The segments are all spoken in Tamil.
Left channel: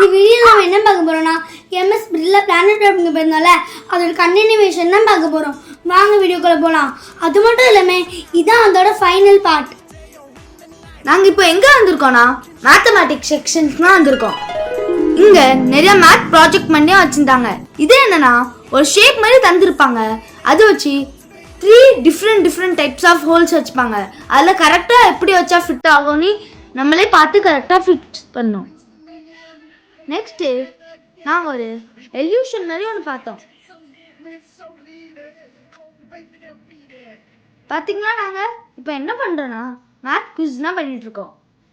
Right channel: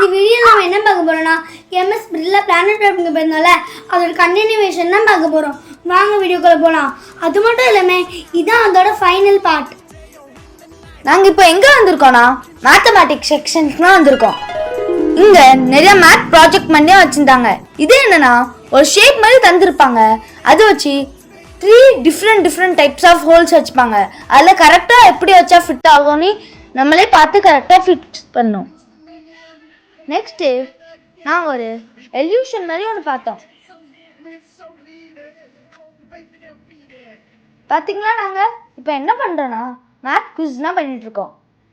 இந்த வீடியோ நம்ம என்ன பார்க்க போறோம்னா எம்எஸ் பிரில்ல பிளானட் அப்படிங்க பேருனால அதோட கண்டினியூவேஷன் தான் பார்க்க போறோம். வாங்க வீடியோக்குள்ள போலாம். அது மட்டும் இல்லாம இதான் அதோட ஃபைனல் பார்ட். நாங்க இப்போ எங்க வந்திருக்கோம்னா மேத்தமேட்டிக்ஸ் செக்ஷன்ஸ் தான் வந்திருக்கோம். இங்க நிறைய மேத் ப்ராஜெக்ட் பண்ணியா வச்சிருந்தாங்க. இது என்னன்னா ஒரு ஷேப் மாதிரி தந்திருப்பாங்க. அதை வச்சு 3 டிஃப்ரெண்ட் டைப்ஸ் ஆஃப் ஹோல்ஸ் வச்சுப்பாங்க. அதில் கரெக்டாக எப்படி வச்சா ஃபிட் ஆகும்னு நம்மளே பார்த்து கரெக்டாக ஃபிட் பண்ணோம். நெக்ஸ்ட்டு நாங்கள் ஒரு எல்யூஷன் மாதிரி ஒன்று பார்த்தோம். பார்த்தீங்களா, நாங்கள் இப்போ என்ன பண்ணுறோன்னா மேத் குவிஸ் தான் பண்ணிகிட்ருக்கோம்.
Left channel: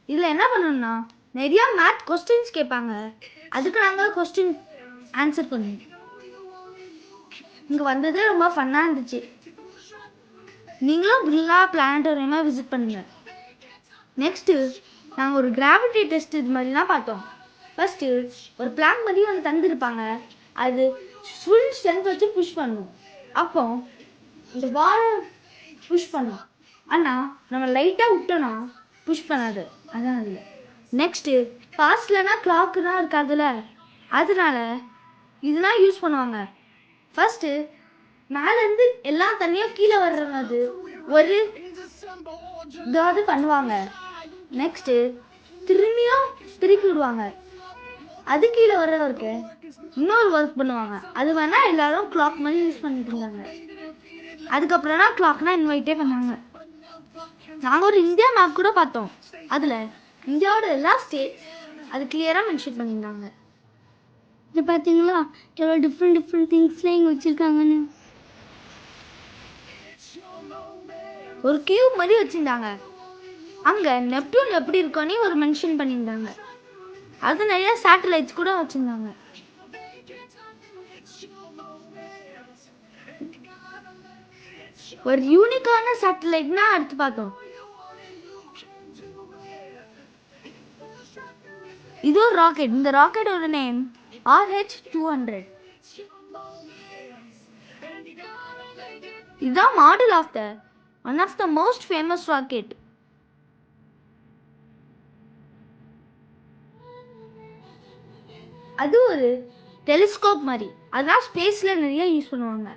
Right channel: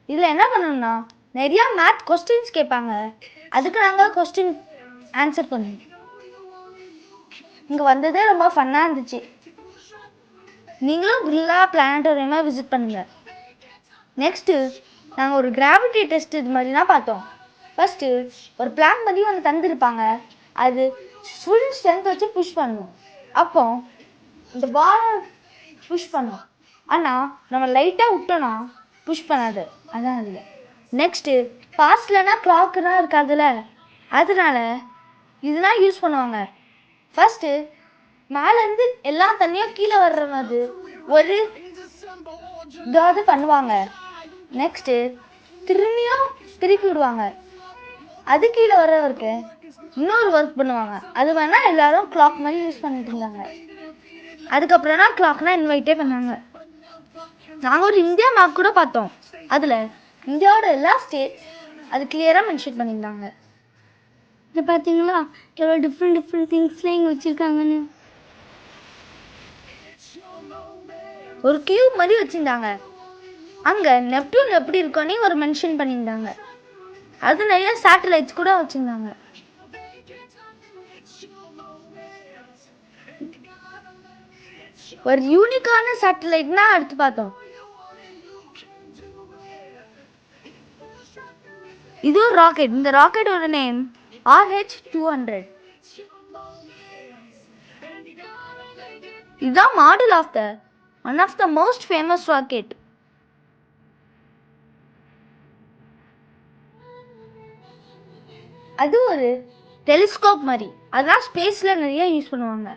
இதில் என்ன பண்ணணும்னா நிறையா மேத் கொஸ்டின்ஸ் கேட்பாங்க. அதுக்கு நாங்கள் கொஸ்டின் ஆன்சர் பண்ணுவோம். இங்கே வந்ததே ரொம்ப ஃபன்னாக இருந்துச்சு. நீங்களும் பிர்லா பிளானட்டோரியமாக விசிட் பண்ணுங்கள். நெக்ஸ்ட்டு நாங்கள் ஒரு கிராவிட்டி டெஸ்ட் இது மாதிரி தான் பார்த்தோம். ஃபஸ்ட்டு ஒரு பிளான் மாதிரி ஒன்று தந்துருப்பாங்க. அது ஃபுல் ஸ்ட்ரென்த் வச்சு புஷ் பண்ணணும். அப்போ இந்த பால் புஷ் பண்ணும். ஆனால் நம்ம லைட்டாக விட்டோன்னா புஷ் பண்ணாது. அதான் அதில். நெக்ஸ்ட்டு பாஸ்ட்லனா கிளாக்குலாம் இருக்காதுல்ல, அதனால இதெல்லாம் யூஸ் பண்ணுவாங்க. ஃபஸ்ட்டு மேலேருந்து எல்லா தண்ணியும் கீழே வர்ற மாதிரி ஒரு இதாவது பண்ணுவாங்க. நெக்ஸ்ட்டு திரும்பியும் திருப்பி விடுவாங்க. அது கீழே வர்றவருக்கு இன்னொரு ஒர்க் பண்ணுவாங்க. அது வேணால் எல்லாரும் கிளாக் மாதிரி யூஸ் பண்ணிட்டு இருந்தாங்க. அதுக்கப்புறம் தான் கிளாக்னா இன்வைட்டே பண்ணாங்க. நாங்கள் ஒரு இந்தியா மேப் கூட பார்த்தோம். அதில் இந்தியாவோட எல்லா ஸ்டேட் அது கிளியராக மென்ஷன் பண்ணியிருந்தாங்க. இது பார்த்தீங்களா எவ்வளோ டிஃப்ரெண்ட் திங்ஸ்லாம் இங்கே வச்சுருக்காங்கன்னு. ஒரு கியூப் மாதிரி வச்சுருந்தாங்க. அங்கே நெப்டியூன் எப்படி இருக்கோன்னே ஒரு மென்ஷன் பண்ணியிருந்தாங்க. அது நிறைய சேட்டலைட்ஸ் கூட வச்சுருந்தாங்க. ஒரு யூனிக்கான சேட்டலைட்னா அடுத்து பார்த்தோம். இது ஒரு ராக்கெட். இந்த ராக்கெட்டோட நேம் RH-200. இதுதான் model of the one of the most famous rocket. அது ஒரு டெலிஸ்கோப் மாதிரி. அதெல்லாம் ஸ்பேஸில் நிறைய யூஸ் பண்ணுவாங்க.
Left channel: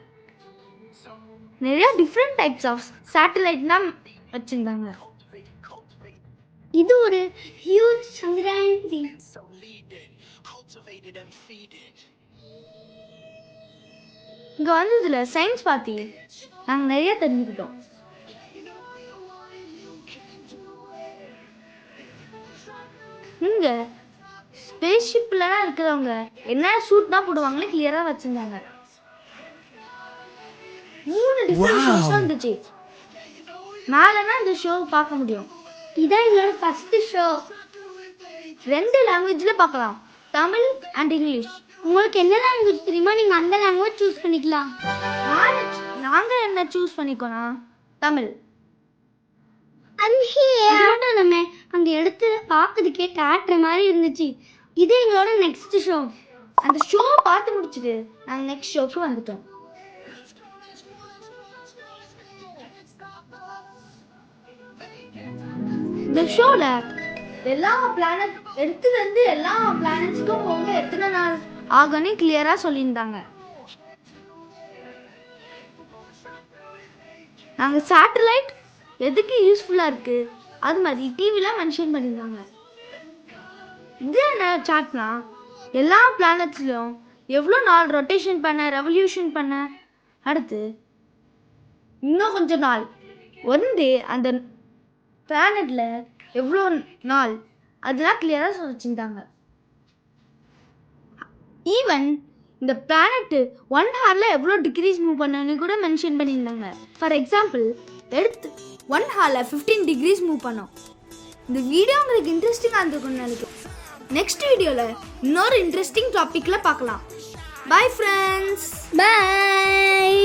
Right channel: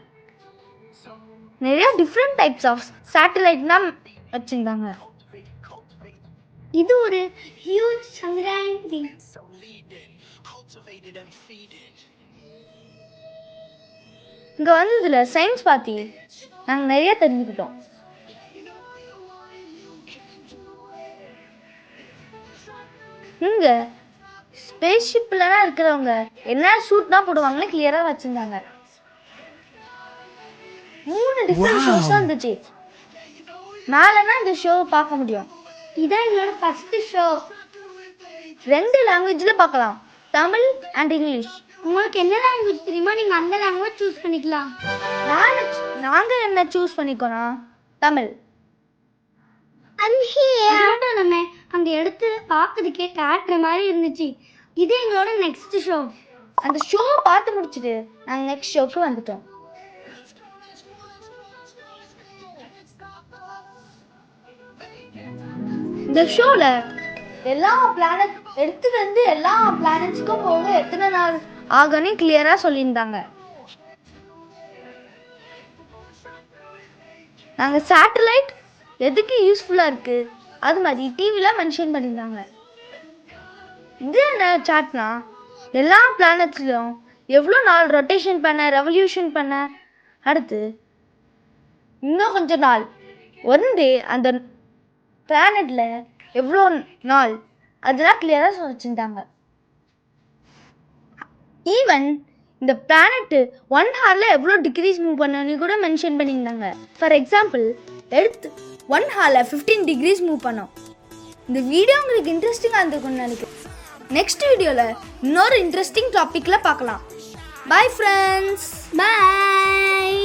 நிறைய டிஃப்ரெண்ட் டைப்ஸ் ஆஃப் சேட்டலைட்லாம் வச்சுருந்தாங்க. இது ஒரு ஹியூஜ் சந்திராயன். இங்கே வந்து இதில் சயின்ஸ் பார்த்தி நாங்கள் நிறைய தெரிஞ்சுக்கிட்டோம். இங்கே ஸ்பேஸ்ஷிப்லாம் இருக்கிறவங்க என்ன சூட் தான் போடுவாங்கன்னு கிளியராக வச்சுருந்தாங்க. 3 டிஃப்ரெண்ட் ஷோஸ் இருந்துச்சு. மேலேனா இந்த ஷோ பார்க்க முடியும். இதான் எங்களோட ஃபர்ஸ்ட் ஷோ. 2 லாங்குவேஜில் பார்க்கலாம், தமிழ் அண்ட் இங்கிலீஷ். உங்களுக்கு என்ன லாங்குவேஜ் தெரியுமா நீங்கள் அந்த லாங்குவேஜ் சூஸ் பண்ணிக்கலாம். நாங்கள் என்ன சூஸ் பண்ணிக்கோனா தமிழ். நம்ம அந்த இடத்து பார்க்கறதுக்கே தேட்டர் மாதிரி இருந்துச்சு. இது எங்களோட நெக்ஸ்ட் ஷோ. அந்த ஷோ பார்த்து முடிச்சுட்டு நாங்கள் நெக்ஸ்ட் ஷோக்கு வந்துட்டோம். இந்த ஷோவில் எல்லா பிளானட் எடுத்துலேருந்து எல்லா பிளானட்ஸ்க்கும் போக எத்தனை நாள் ஆகும்னு கிளியராக சொல்லியிருந்தாங்க. நாங்கள் சேட்டலைட் எதுக்கு யூஸ்ஃபுல்லாக இருக்குது அது மாதிரி டிவிலாம் மென்ஷன் பண்ணியிருந்தாங்க. இது என்ன சாட்னா எல்லா பிளானட்ஸ்லையும் எவ்வளோ நாள் ரொட்டேஷன் பண்ண, ரெவல்யூஷன் பண்ண, அடுத்து இன்னும் கொஞ்சம் நாள் வந்து அந்த பிளானட்ல எவ்வளோ நாள் அதெல்லாம் கிளியராக வச்சுருந்தாங்க. ஈவன் இந்த பிளானட்டு 1 ஹவரில் எவ்வளோ டிகிரிஸ் மூவ் பண்ணணும்னு கூட மென்ஷன் பண்ணியிருந்தாங்க. ஃபார் எக்ஸாம்பிள் எடுத்து 1 ஹவரில் 15 டிகிரிஸ் மூவ் பண்ணோம். இந்த வீடியோ உங்களுக்கு இன்ட்ரெஸ்டிங்காக இருந்திருக்கும்னு நினைக்கிறேன். நெக்ஸ்ட் வீடியோவில் இன்னொரு இன்ட்ரெஸ்டிங் டாப்பிக்கில் பார்க்கலாம். Bye friends. பாய்.